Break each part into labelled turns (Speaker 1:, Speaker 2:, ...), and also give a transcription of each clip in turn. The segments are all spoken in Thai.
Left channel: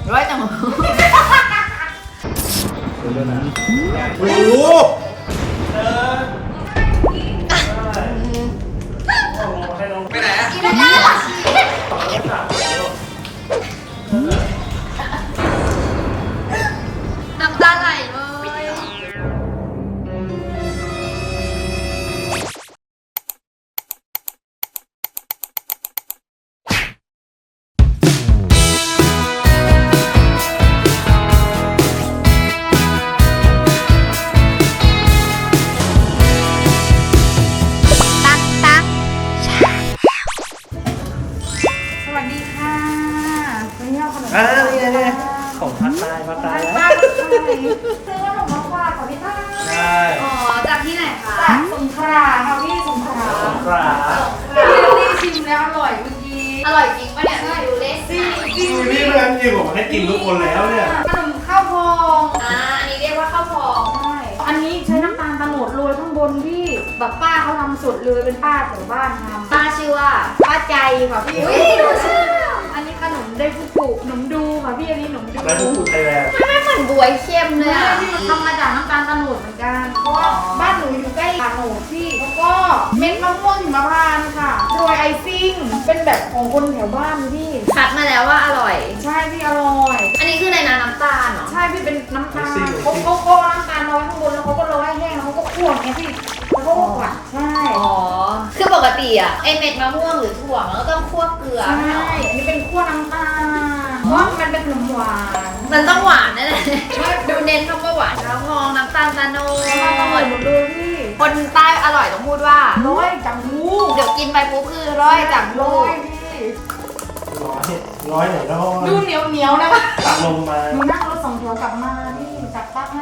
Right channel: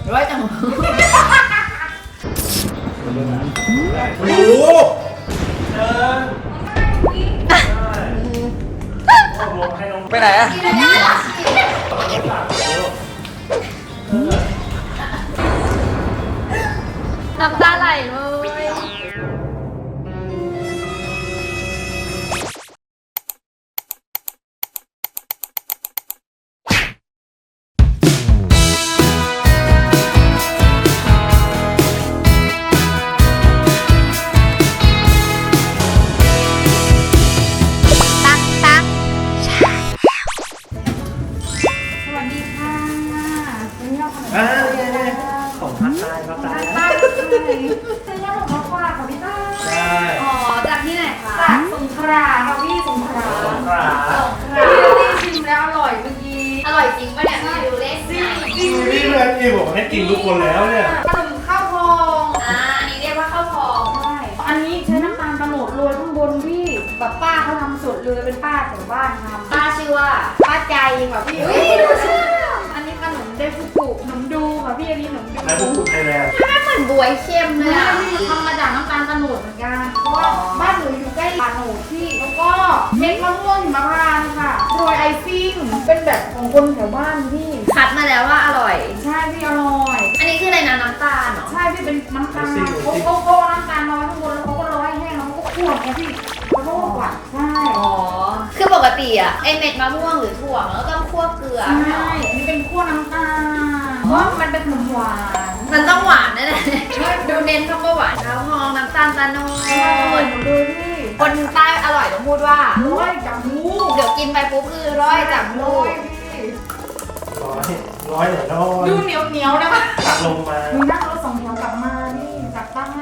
Speaker 1: ร้อยจัง
Speaker 2: โอ้โหไปไหนอะ
Speaker 1: น้ำตาไหลเลย
Speaker 2: ของภาคใต้ภาคใต้
Speaker 3: ซื้อขนมมาฝากค่ะพี่ต้า
Speaker 2: ใช่
Speaker 1: อ๋อจากที่ไหนคะ
Speaker 3: จากสงขลาค่ะพี่สงขลา
Speaker 2: สงขลา
Speaker 3: ที่ชิมแล้วอร่อยเมื่อกี้
Speaker 1: อร่อยจริงปะเนี่ยดูเล็ก
Speaker 2: พี่เพื่อนพี่บอกให้กินทุกคนแล้วเนี่ย
Speaker 3: ขนมข้าวพอง
Speaker 1: อันนี้เรียกว่าข้าวพอง
Speaker 3: ใช่อันนี้ใช้น้ำตาลตะโนดโรยข้างบนพี่แบบป้าเขาทำสดเลยเป็นป้าแถวบ้านทำ
Speaker 1: ป้าชื่อว่า
Speaker 3: ป้าใจค่ะพี่ดูชื่ออันนี้ขนมไดฟุกุขนมดูค่ะพี่อันนี้ขนมดู
Speaker 2: แล้วทุกคนไทยแลนด์
Speaker 1: ไม่เหมือนบวยเข้มเลยอ่ะ
Speaker 3: ทำมาจากน้ำตาลตะโนดเหมือนกันเพราะว่าบ้านหนูอยู่ใกล้ตาโนดพี่แล้วก็เม็ดมะม่วงหิมพานต์ค่ะโรยไอซิ่งเป็นแบบของคนแถวบ้านพี่
Speaker 1: คัดมาแล้วว่าอร่อย
Speaker 3: ใช่พี่อร่อย
Speaker 1: อันนี้คืออะไรนะน้ำตาลเหรอ
Speaker 3: ใช่พี่เป็นน้ำตาลเขาน้ำตาลน้อยข้างบนแล้วเขาก็ร้อยแห้งแล้วเขาก็คั่วนะพี่แล้วก็หวานใช่
Speaker 1: อ๋อ คือปกติอ่ะไอเม็ดมะม่วงหรือถั่วมันก็ต้องคั่วเกลือ
Speaker 3: ใช่
Speaker 1: ไม่เหรอ
Speaker 3: อันนี้เป็นคั่วน้ำตาลเพราะมันเป็นขนมหวาน
Speaker 1: มันต้องหวานแน่เลยดูเน้นคำว่าหวานข้าวพองน้ำตาลตะโน
Speaker 3: อร่อย
Speaker 1: ด
Speaker 3: หมดเลยพี่
Speaker 1: คนใต้อร่อยต้องพูดว่า
Speaker 3: ร้อยจังหู
Speaker 1: เดี๋ยวกินไปปุ๊บคือร้อยจังลูก
Speaker 2: ร้อยหน่อยแล้ว
Speaker 3: ดูเหนียวเหนียวนะป่ะ
Speaker 2: ตัดลงมา
Speaker 3: ดูนั่งรถสองแถวกลับมานี่จับตั้งให้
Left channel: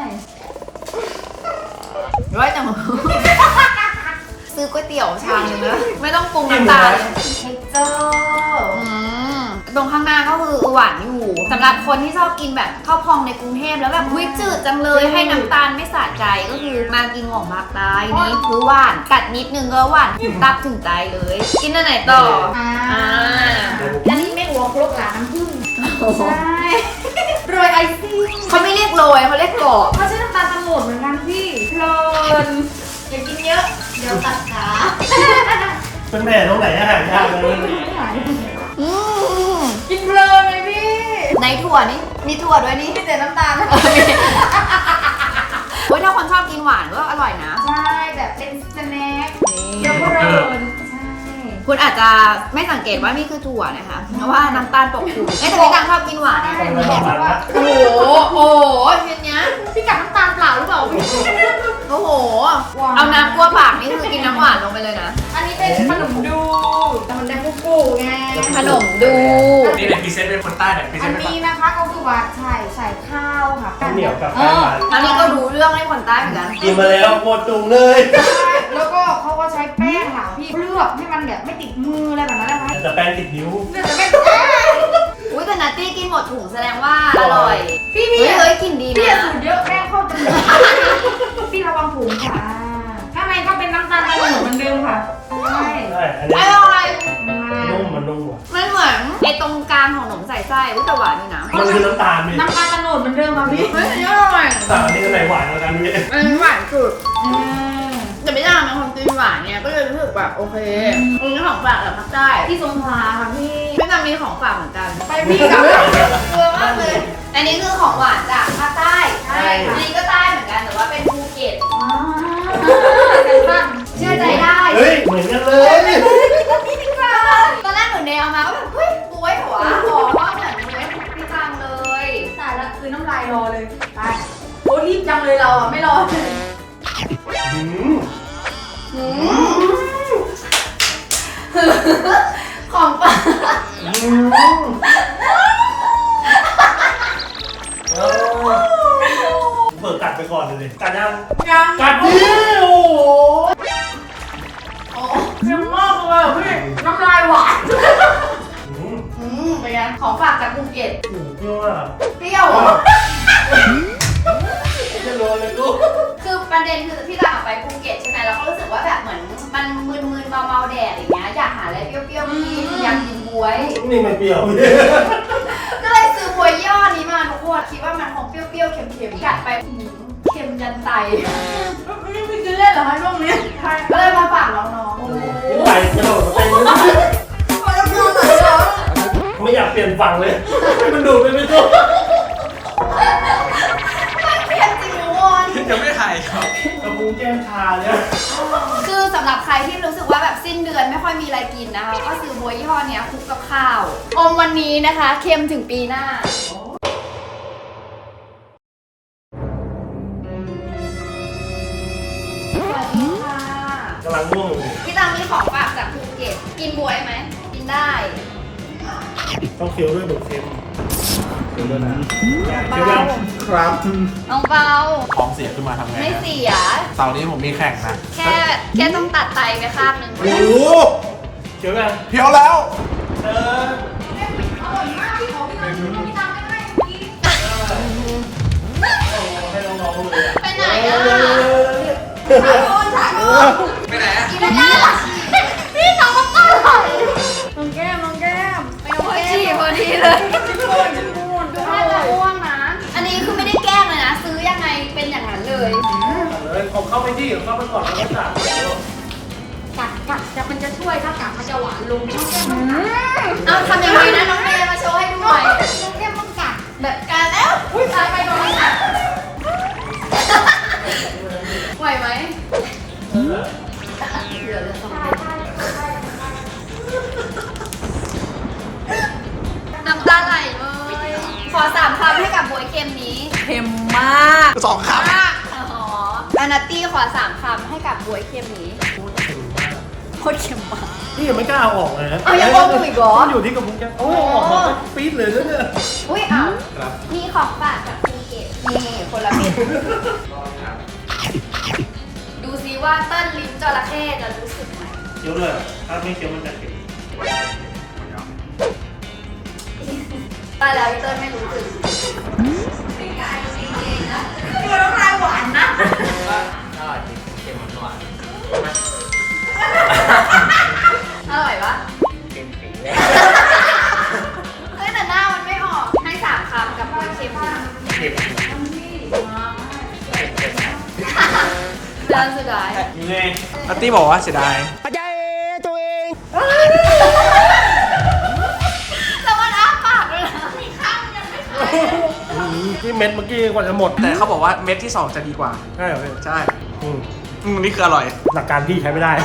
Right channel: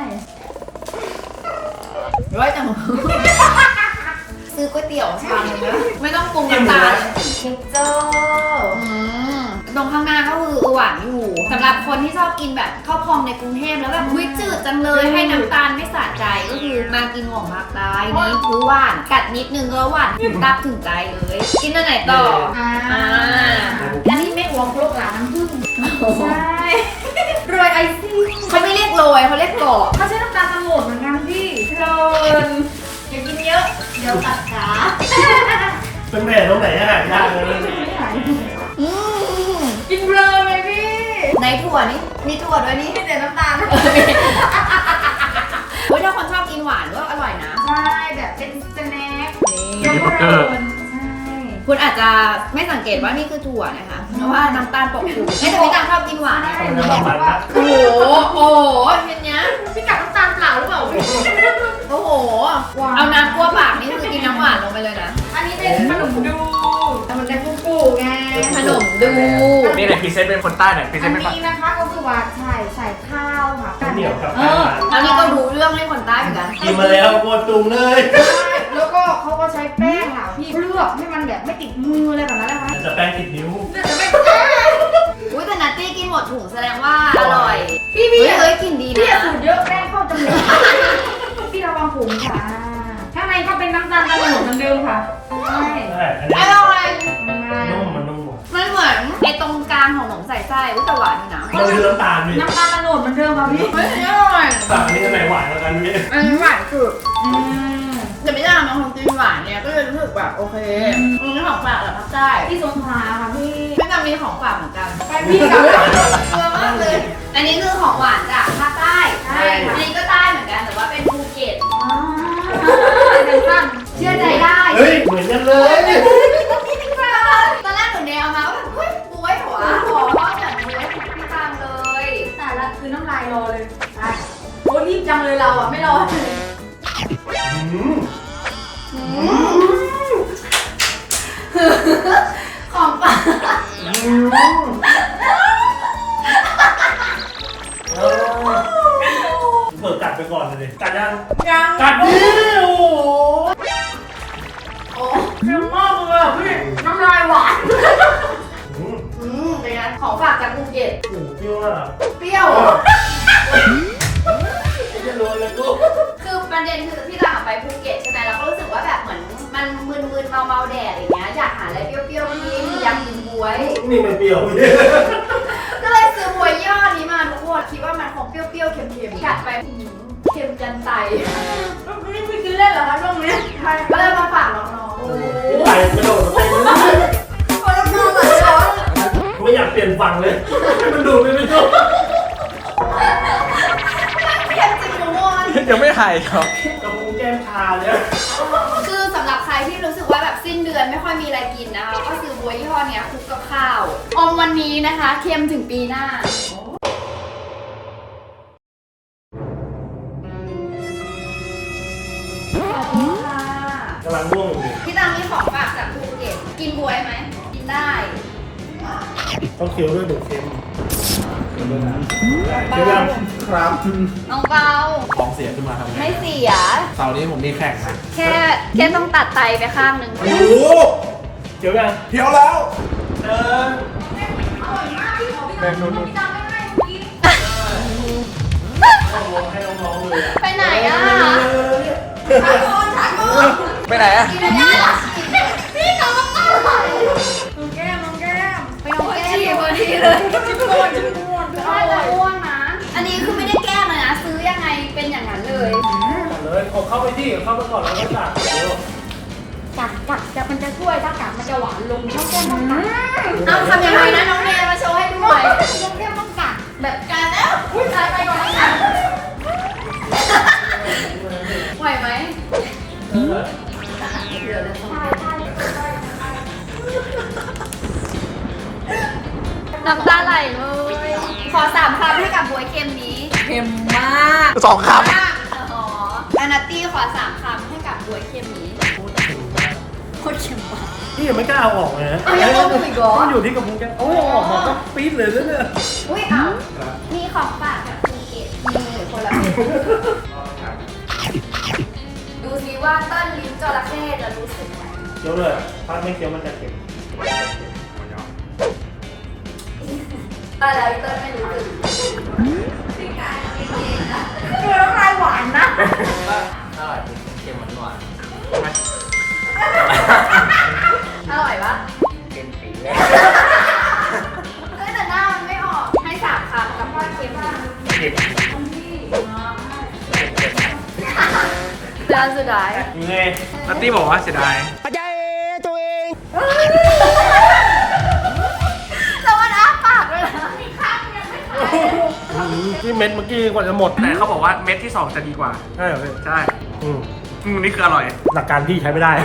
Speaker 1: ร้อยจังซื้อก๋วยเตี๋ยวชามนึงนะไม่ต้องปรุงน้ำตาลเลย
Speaker 3: เท็กเจอร์
Speaker 1: ตรงข้างหน้าก็คือหวานอยู่สำหรับคนที่ชอบกินแบบข้าวพองในกรุงเทพแล้วแบบหุ้ยจืดจังเลยให้น้ำตาลไม่สะใจก็คือมากินของภาคใต้นี่คือหวานกัดนิดนึงก็หวานถึงตับถึงใจเลย กินอันไหนต่ออ่า
Speaker 3: อันนี้แม่หัวครกหลานน้ำผึ้งใช่โรยไอซิ่ง
Speaker 1: เขาไม่เรียกโรยเขาเรียกกรอบ
Speaker 3: เขาใช้น้ำตาลตะโนดเหมือนกันพี่เพลินอย่ากินเยอะเดี๋ยวตัดขา
Speaker 2: เป็นแผลตรงไหนอะยากเลย
Speaker 1: อืม
Speaker 3: กินเพลินเลยพี่
Speaker 1: ในถั่วนี่มีถั่วด้วยนี่
Speaker 3: พี่แต่น้ำตาล
Speaker 1: เฮ้ยถ้าคนชอบกินหวานก็อร่อยนะ
Speaker 3: ใช่แบบเป็นสแน็ค
Speaker 1: นี่
Speaker 3: แล้วก็เพลินใช่
Speaker 1: คุณอาจจะไม่สังเกตว่านี่คือถั่วนะคะเพราะว่าน้ำตาลปกคลุมแต่พี่ตังชอบกินหวานนะ
Speaker 2: ต้องเป็นมันนะ
Speaker 1: โอ้โหโอ้โหชิ้นเนี้ย
Speaker 3: พี่กับน้ำตาลเปล่าหรือเปล่าพี่
Speaker 1: โอ้โห เอาน้ำกลัวปากนี่คือกินน้ำหวานลงไปเลยนะ
Speaker 3: อันนี้เป็นขนมดูแต่มันเป็นกุ๊กไง
Speaker 1: ขนมดู
Speaker 2: นี่เลยพรีเซนต์เป็นคนใต้หน่อยพรีเซ
Speaker 3: อั
Speaker 2: น
Speaker 3: น
Speaker 2: ต์เป็น
Speaker 3: นี้นะคะก็คือว่าใส่ข้าวค่ะ
Speaker 2: ข้าวเหนียวกับ
Speaker 3: เอ
Speaker 2: ข้าว
Speaker 3: อ
Speaker 2: มัน
Speaker 1: อันนี้ก็รู้เรื่องให้คนใต้เหมือนกัน
Speaker 2: กินมาแล้วปวดตุงเลย
Speaker 3: แล้วก็เขาก็ใช้แป้งค่ะพี่เคลือบให้มันแบบไม่ติดมืออะไรแบบนั้นนะคะ
Speaker 2: จะแป้งติดนิ้ว
Speaker 3: เนี่ยจะไม่
Speaker 1: อุ้ยแต่นัตตี้กินหมดถุงแสดงว่าอร่อย
Speaker 3: พี่
Speaker 1: เฮ้ยเฮ้ยกินดี
Speaker 3: พี่อย่า
Speaker 1: นะ
Speaker 3: สูดเยอะแป้งเข้าจมูกพี่ระวังผมค่ะข้างในก็เป็นน้ำตาลตะโนดเหมือนเดิมค่ะใช่
Speaker 2: ใช่อัน
Speaker 1: อ
Speaker 2: นี้
Speaker 1: ร่อย
Speaker 2: นุ่มมันนุ่ม
Speaker 1: ไม่เหมือนไอตรงกลางของขนมใส่ไส้อุ้ยแต่หวานอยู่นะ
Speaker 2: มันคือน้ำตาลนี่
Speaker 3: น้ำตาลตะโนดเหมือนเดิมค่ะพี่
Speaker 1: เฮ้ยอันนี้อร่อย
Speaker 2: ตาลนี่จะไหนหวานกว่ากันนี่
Speaker 1: อันนี้หวานสุด
Speaker 3: อืม
Speaker 1: แต่ไม่ได้ทำเป็นคนกินหวานเนี่ยก็เลยรู้สึกแบบโอเคอันนี้ของฝากจากภาคใต้
Speaker 3: ที่สงขลาค่ะพี่
Speaker 1: ไม่จำมีของฝากเหมือนกัน
Speaker 3: ไปพี่กับ
Speaker 1: เยอะมากเลย อันนี้คือของหวานจากภาคใต้
Speaker 3: ใช่ค่ะ
Speaker 1: อันนี้ก็ใต้เหมือนกันแต่ว่าเป็นภูเก็ต
Speaker 3: เชื่อใจได้
Speaker 2: เฮ้ยเหมือนกันเลย
Speaker 1: ตอนแรกหนูเนี่ยเอามาก็แบบเฮ้ยบวยหัวหอมมากแบบบวยพี่ตังเลย
Speaker 3: สาระคือน้ำลายรอเลยไปโอ้รีบจังเลยเราอ่ะไม่รอ
Speaker 1: ของฝาก
Speaker 2: เปิดกัดไปก่อนเลยกัดยัง
Speaker 3: ยัง
Speaker 2: กัดดิโอ้โห
Speaker 1: โอ้
Speaker 3: เร็วมากเลยอ่ะพี่น้ำลายหวาน
Speaker 1: เป็นไงของฝากจากภูเก็ต
Speaker 2: โอ้โหพี่ว่า
Speaker 1: เปรี้ยว
Speaker 2: จะโดนเลยลูก
Speaker 1: คือประเด็นคือที่เราไปภูเก็ตใช่ไหมเราก็รู้สึกว่าแบบเหมือนมันมึนๆเมาๆแดดอย่างเงี้ยอยากหาอะไรเปรี้ยวๆกินอยากกินบวย
Speaker 2: นี่มันเปรี้ยว
Speaker 1: ก็เลยซื้อบวยยี่ห้อนี้
Speaker 3: ไม่กินเล่นเหรอคะช่วงนี้ใช่ก็เลยมาฝากน้อง
Speaker 2: กินไก่กระโดดมาเต้น
Speaker 3: ๆเขาจะพูดอะไรเหรอ
Speaker 2: ไม่อยากเปลี่ยนฝั่งเลย มันดูไม่รู้
Speaker 1: เค็มจริงทุกคน
Speaker 4: ยังไม่หายครับ
Speaker 2: กระพุ้งแก้มชาเลย
Speaker 1: คือสำหรับใครที่รู้สึกว่าแบบสิ้นเดือนไม่ค่อยมีอะไรกินนะคะ ก็ซื้อบัวยี่ห้อเนี้ยคลุกกับข้าวอมวันนี้นะคะเค็มถึงปีหน้า สวัสดีค่ะ
Speaker 2: กำลังง่วงอยู่
Speaker 1: พี่ตังมีของฝากจากภูเก็ตกินบวยไหม กินได้
Speaker 2: ต้องเคี้ยวด้วยดูเค็มเคี้ยวด้วยนะเคี้ยวยังครับ
Speaker 1: น้องเปา
Speaker 4: ท้องเสียขึ้นมาทำไง
Speaker 1: ไม่เสีย
Speaker 4: เสาร์นี้ผมมีแข่งนะ
Speaker 1: แค่ต้องตัดไตไปข้างหนึ่ง
Speaker 4: โอ้โห
Speaker 2: เคี้ยวยัง
Speaker 4: เพียวแล้ว
Speaker 2: เออ
Speaker 4: เมนูนู้น
Speaker 2: ให้น้องๆเลย
Speaker 1: ไปไหนอ่ะ
Speaker 4: ไปไหนอะ
Speaker 1: กินไม่ได้หรอพี่น้องก็อร่อย
Speaker 3: น้องแก้ม
Speaker 1: ไปโอ้ยฉี่พอดีเลยดูท่าจะอ้วงนะ อันนี้คือไม่ได้แกล้งเลยนะ ซื้อยังไงเป็นอย่างนั้นเลย
Speaker 2: เลยผมเข้าไปที่เข้าไปก่อนแล้วก็ตัด
Speaker 3: กัดจะมันจะช่วยถ้ากัดมันจะหวานลงน้องแก้ม
Speaker 1: เอาทำยังไงนะน้องเมย์มาโชว์ให้ดูหน่อย
Speaker 3: น้องแก้มต้องกัด
Speaker 1: แบบกันแล้ว อุ้ยตายไปโดนอะไรอ่ะไหวไหมเหลือเลยสองน้ำตาไหลเลยขอ3 คำให้กับบวยเค็มนี้
Speaker 3: เค็มมาก
Speaker 4: สองค
Speaker 1: อ๋ออานาตี้ขอ3 คำให้กับบวยเค็มนี้
Speaker 2: โคตรเค็มมาก
Speaker 1: โคตรเค็มมาก
Speaker 2: นี่ยังไม่กล้าเอาออกเลยนะ
Speaker 1: เอายังออกอีกเหรอ
Speaker 2: มันอยู่ที่กระพุ้งแก้มโอ้ยออกมาก็ปี๊ดเลยนะเนี่ย
Speaker 1: อุ้ยเอา
Speaker 4: ำครับ
Speaker 1: มีของฝากจากภูเก็ตนี่คนละเม็ดดูซิว่าต้นลิ้นจระเข้จะรู้สึกไหม
Speaker 2: เคี้ยวเลยถ้าไม่เคี้ยวมันจะเค็ม
Speaker 1: ตายแล้วอีต้นไม่รู้สึก
Speaker 3: คือน้ำลายหวานนะ
Speaker 4: อร่อยจริงเค็มหวาน
Speaker 1: อร่อยปะ
Speaker 4: เค็มปีเลย
Speaker 1: เฮ้ยแต่หน้ามันไม่ออกให้3 คำกับว่าเค็มดี
Speaker 4: เค็ม
Speaker 1: เดือนสุดท้าย
Speaker 2: นี่เลย
Speaker 4: นัตตี้บอกว่าเสียดาย
Speaker 1: แล้วมันอ้าปากด้วยนะ
Speaker 2: ที่เม็ดเมื่อกี้กว่าจะหมด
Speaker 4: แต่เขาบอกว่าเม็ดที่ 2 จะดีกว่า
Speaker 2: ใช่เหรอพี่
Speaker 4: ใช่
Speaker 2: อืม
Speaker 4: นี่คืออร่อย
Speaker 2: หลักการพี่ใช้ไม่ได้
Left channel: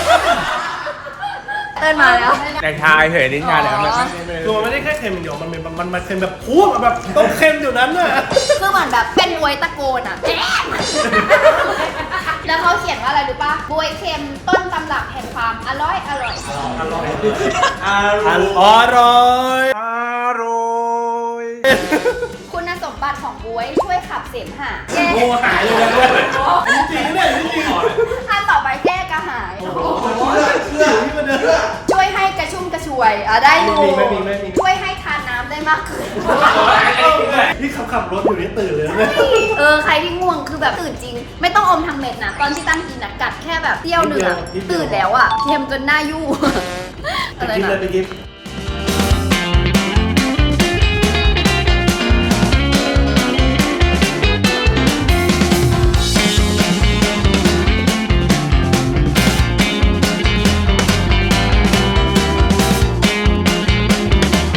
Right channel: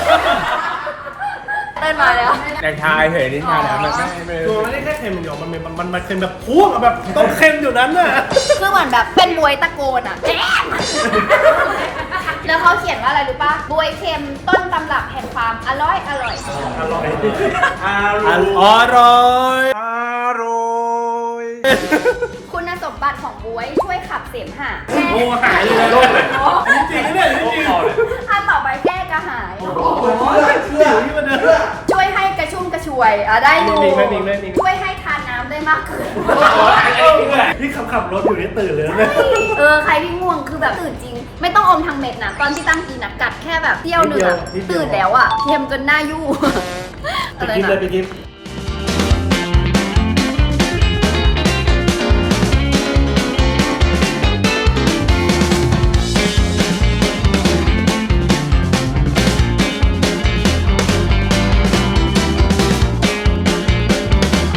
Speaker 1: เดินมาแล้ว
Speaker 4: แต่ชายเผยลิ้นชาเนี่ยไม่
Speaker 2: ตัวมันไม่ได้แค่เค็มอย่างเดียวมันเค็มแบบพุ่งแบบต้องเค็มอยู่นั้นน่ะ
Speaker 1: คือเหมือนแบบเป็นบวยตะโกนอ่ะแจ๊มแล้วเขาเขียนว่าอะไรรู้ปะบวยเค็มต้นตำรับแห่งความอร่อย
Speaker 2: อร่อย
Speaker 4: อร่อย
Speaker 2: อร่อย
Speaker 4: อร่อย
Speaker 1: คุณสมบัติของบวยช่วยขับเสมหะ
Speaker 2: โอ้หายเลยนะด้วยจริงๆเนี่ยจริง
Speaker 1: อันต่อไปแก้กระหาย
Speaker 2: ๆอยู่ที่มันเดิน
Speaker 1: ช่วยให้กระชุ่มกระชวยได้อยู่
Speaker 2: มีไหม
Speaker 1: ช่วยให้ทานน้ำได้มากขึ้น
Speaker 2: นี่ขับรถอยู่นี่ตื่นเลยนะเนี่ย
Speaker 1: ใครที่ง่วงคือแบบตื่นจริง ไม่ต้องอมทางเม็ดนะตอนที่ตั้งกินนะกัดแค่แบบเที่ยวหนึ่งอะตื่นแล้วอะเค็มจนหน้ายู่อะไร
Speaker 2: กิน
Speaker 1: นะ
Speaker 2: เลยไปกิน